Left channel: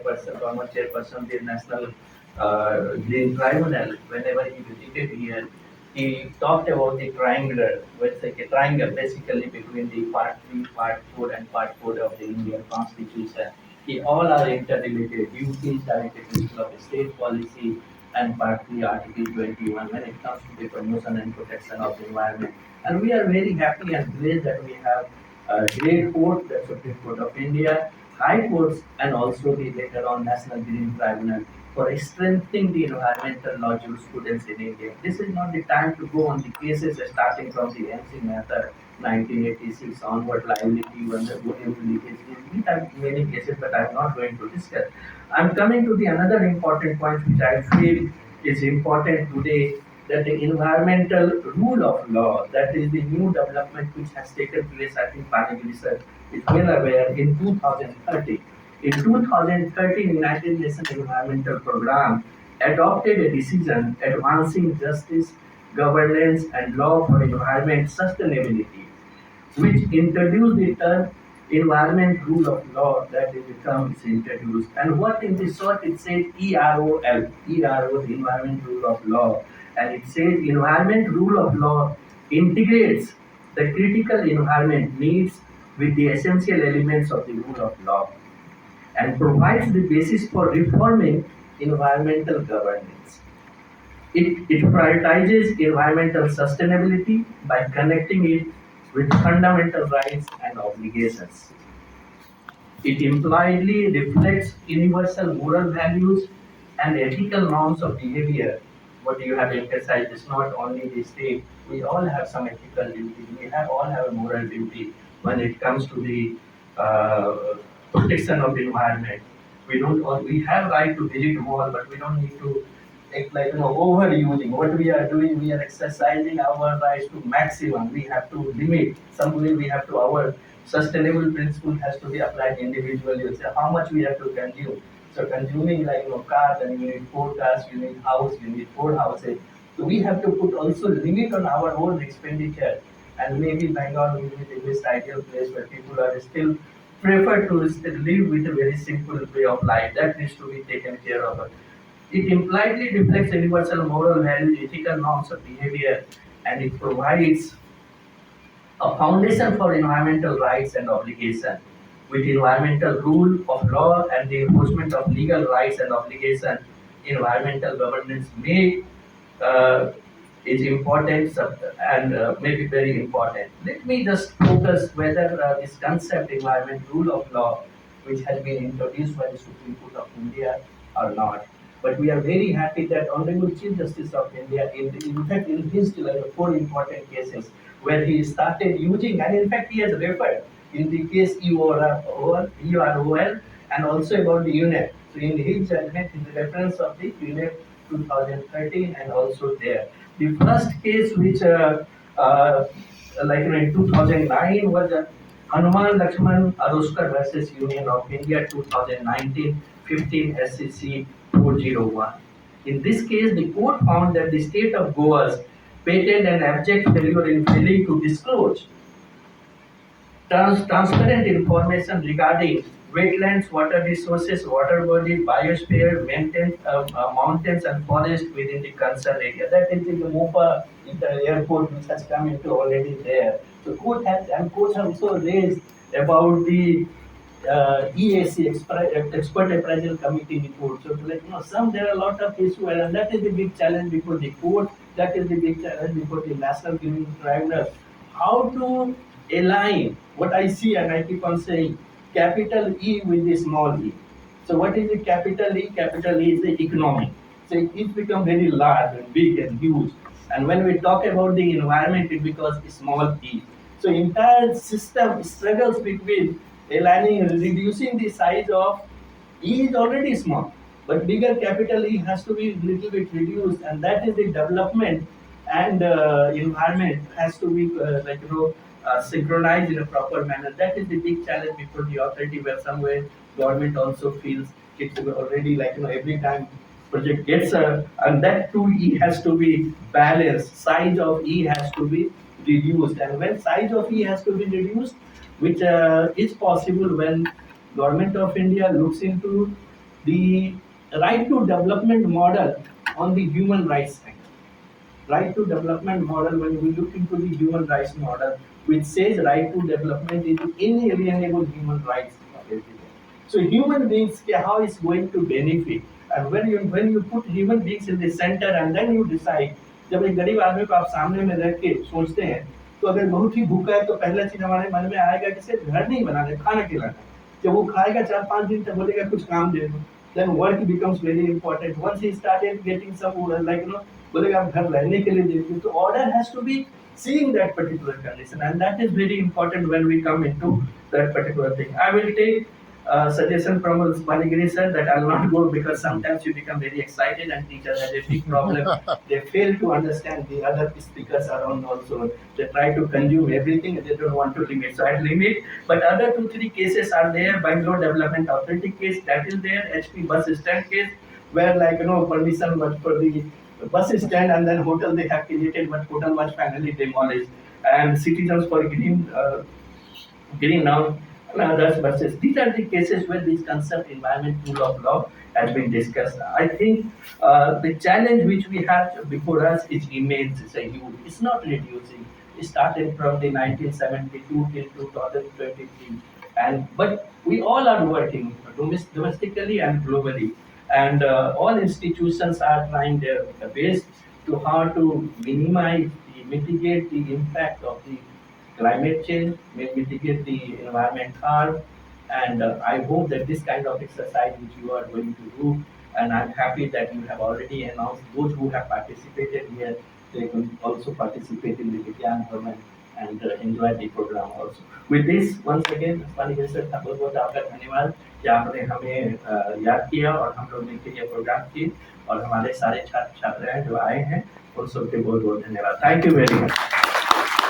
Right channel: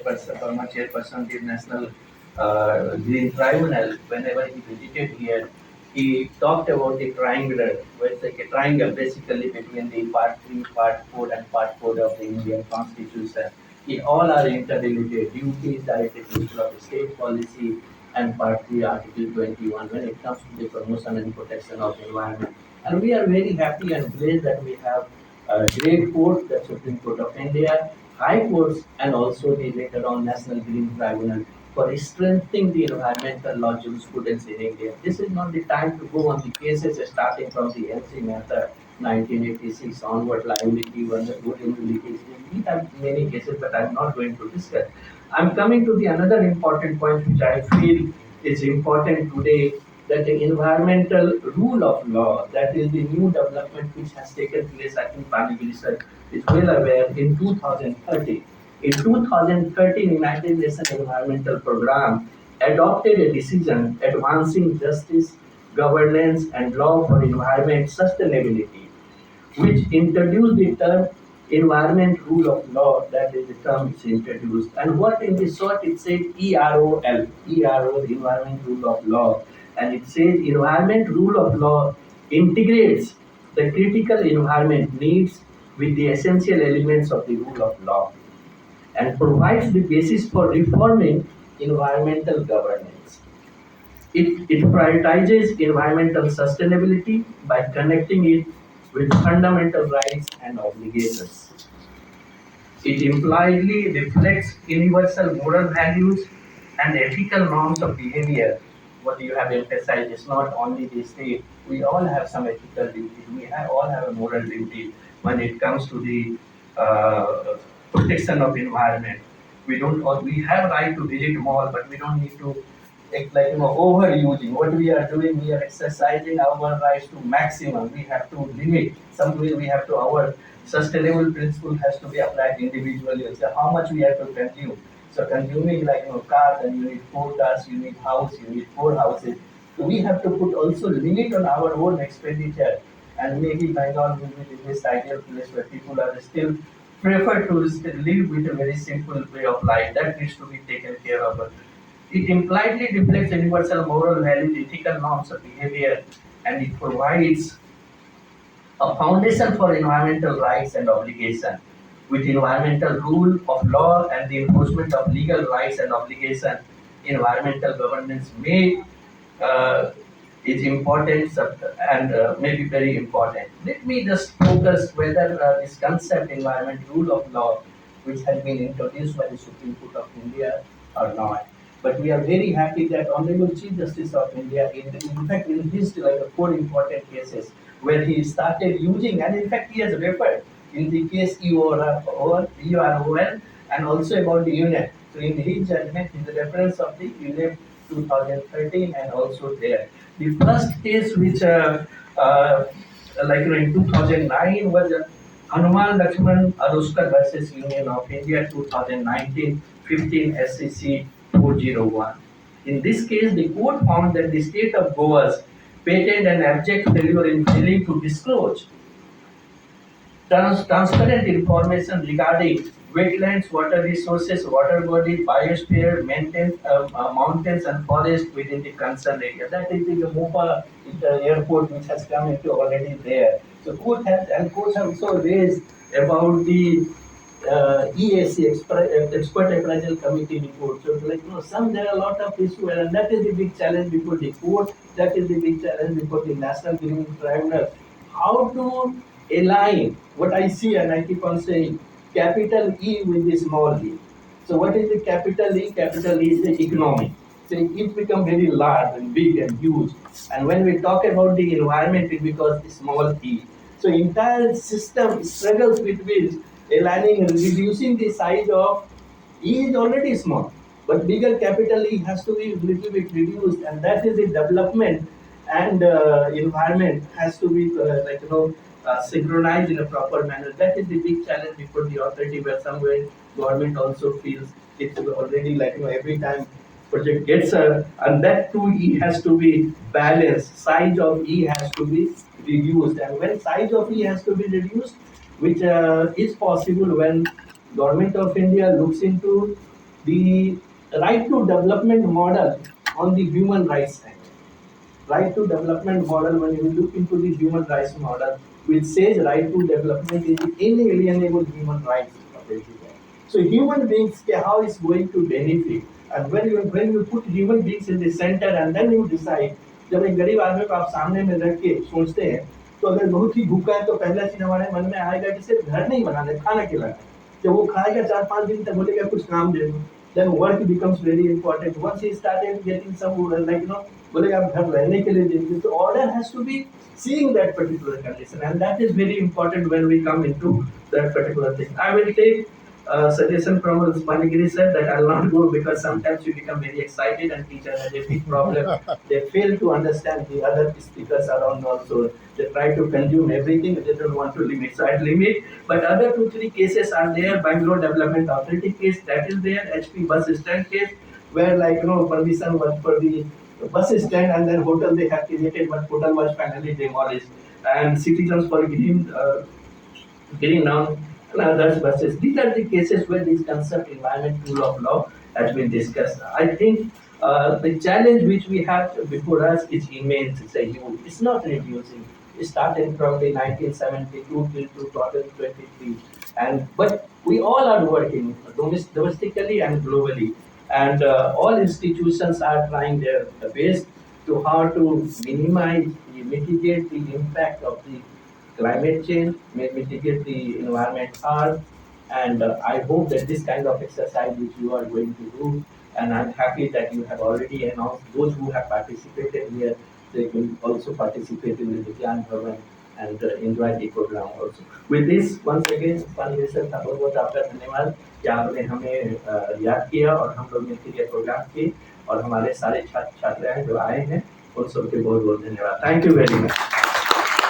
chairperson, former chairperson of the National Green Tribunal, whenever he visited here, he talked about the triangular, where it's like a triangle basically between the Part 3, Part 4, and Part 4 of the Indian Constitution. All are interrelated. Duties, directed principle of state policy, and Part 3, Article 21, when it comes to the promotion and protection of the environment. And we are very happy and blessed that we have a great court, the Supreme Court of India, high courts, and also the later on National Green Tribunal for strengthening the environmental law jurisprudence in India. This is not the time to go on the cases starting from the MC matter 1986 onward liability when the good leakage. We have many cases, but I'm not going to discuss. I'm coming to the another important point which I feel is important today, that the environmental rule of law, that is the new development which has taken place, I think Pani Minister is well aware, in 2030. In 2013, United Nations Environmental Programme adopted a decision advancing justice, governance, and law for environment sustainability, which introduced the term environment rule of law. That is the term is introduced. And what in the short it says EROL, ERO, the environment rule of law. And it says environment rule of law integrates the critical environment needs with the essential elements of the rule of law and provides the basis for reforming environmental governance. It prioritizes environmental sustainability by connecting it with fundamental rights and obligations. It impliedly reflects universal moral values and ethical norms of behavior. What you have emphasized is not only the state. We all have some ethical duty. All have a moral duty when it comes to the protection of the environment. We have right to visit mall, but we don't need to overusing. What we are doing, we are exercising our rights to maximum. We have to limit. Somewhere we have to, our sustainable principle has to be applied individually. So how much we have to consume. So consuming cars, and you need 4 cars, you need house, you need 4 houses. So we have to put also limit on our own expenditure. And maybe Bengal will be the best ideal place where people are still prefer to live with a very simple way of life. That needs to be taken care of. It impliedly reflects universal moral values, ethical norms of behavior, and it provides a foundation for environmental rights and obligation. With environmental rule of law and the enforcement of legal rights and obligation, environmental governance may is important and may be very important. Let me just focus whether this concept environment rule of law, which has been introduced by the Supreme Court of India or not. But we are very happy that Honorable Chief Justice of India, in fact, in his 4 important cases, where he started using, and in fact, he has referred in the case EROL and also about the UNEP. So in his judgment, his reference of the UNEP 2013 and also there. The first case which, in 2009 was Hanuman Lakshman Aroskar versus Union of India 2019 15 SCC 401. In this case, the court found that the state of Goa's patent and abject failure in failing to disclose transparent information regarding wetlands, water resources, water bodies, biosphere, mountains and forests within the concerned area. That is the Mopa airport which has come into already there. So court have also raised about the EAC, Expert Appraisal Committee report. So there are a lot of issues, and that is the big challenge before the court. That is the big challenge before the National Green Tribunal. How to align what I see, and I keep on saying, capital E with the small e. So what is the capital E? Capital E is the economy. So it becomes very large and big and huge. And when we talk about the environment, it becomes small e. So entire system struggles between aligning, reducing the size of E is already small, but bigger capital E has to be little bit reduced, and that is the development and environment has to be synchronized in a proper manner. That is the big challenge before the authority, where somewhere government also feels it's already every time project gets and that too E has to be balanced. Size of E has to be reduced, and when size of E has to be reduced, which is possible when Government of India looks into the right to development model on the human rights side. Right to development model, when we look into the human rights model, which says right to development is the inalienable human rights of everyone. So human beings, how is going to benefit, and when you put human beings in the center and then you decide, जब एक गरीब आदमी को आप सामने में रख के सोचते हैं, तो अगर बहुत ही भूखा है तो पहला चीज हमारे मन में आएगा कि सिर्फ घर नहीं बनाना, खाना खिलाना है। जब वो खाएगा 4-5 दिन तक बोलेगा कुछ काम दे दो, then work becomes very important. Once he started getting some like बोलेगा आप घर रहने के लिए दीजिए, तो order has to be seeing that particular condition, and that is very important when we come into that particular thing. I will take suggestion from Manigiri sir that I'll not go, because sometimes you become very excited and teacher has a big problem. They fail to understand the other speakers around also. They try to consume everything, they don't want to limit. So I'll limit, but other 2-3 cases are there. Bangalore Development Authority case, that is there. HP bus stand case, where permission was for the bus stand, and then hotel they have created, but hotel was finally demolished. And citizens for getting down others versus. These are the cases where this concept environment rule of law has been discussed. I think the challenge which we have before us is immense. It's a huge. It's not reducing. It started from the 1972 till 2023, and but we all are working domestically and globally, and all institutions are trying their best to how to minimize, mitigate the impact of the climate change, may mitigate the environment harm, and I hope that this kind of exercise which you are going to do, and I'm happy that you have already announced those who have participated here, they will also participate in the Vigyan Bhavan and enjoy the program also. With this, once again, Spani sir का बहुत बहुत आपका धन्यवाद कि आपने हमें याद किया और हम लोग मिलकर ये प्रोग्राम किए, और हमारे सारे छात्र छात्राएं जो आए हैं उन सबके बहुत बहुत धन्यवाद. Thank you very much.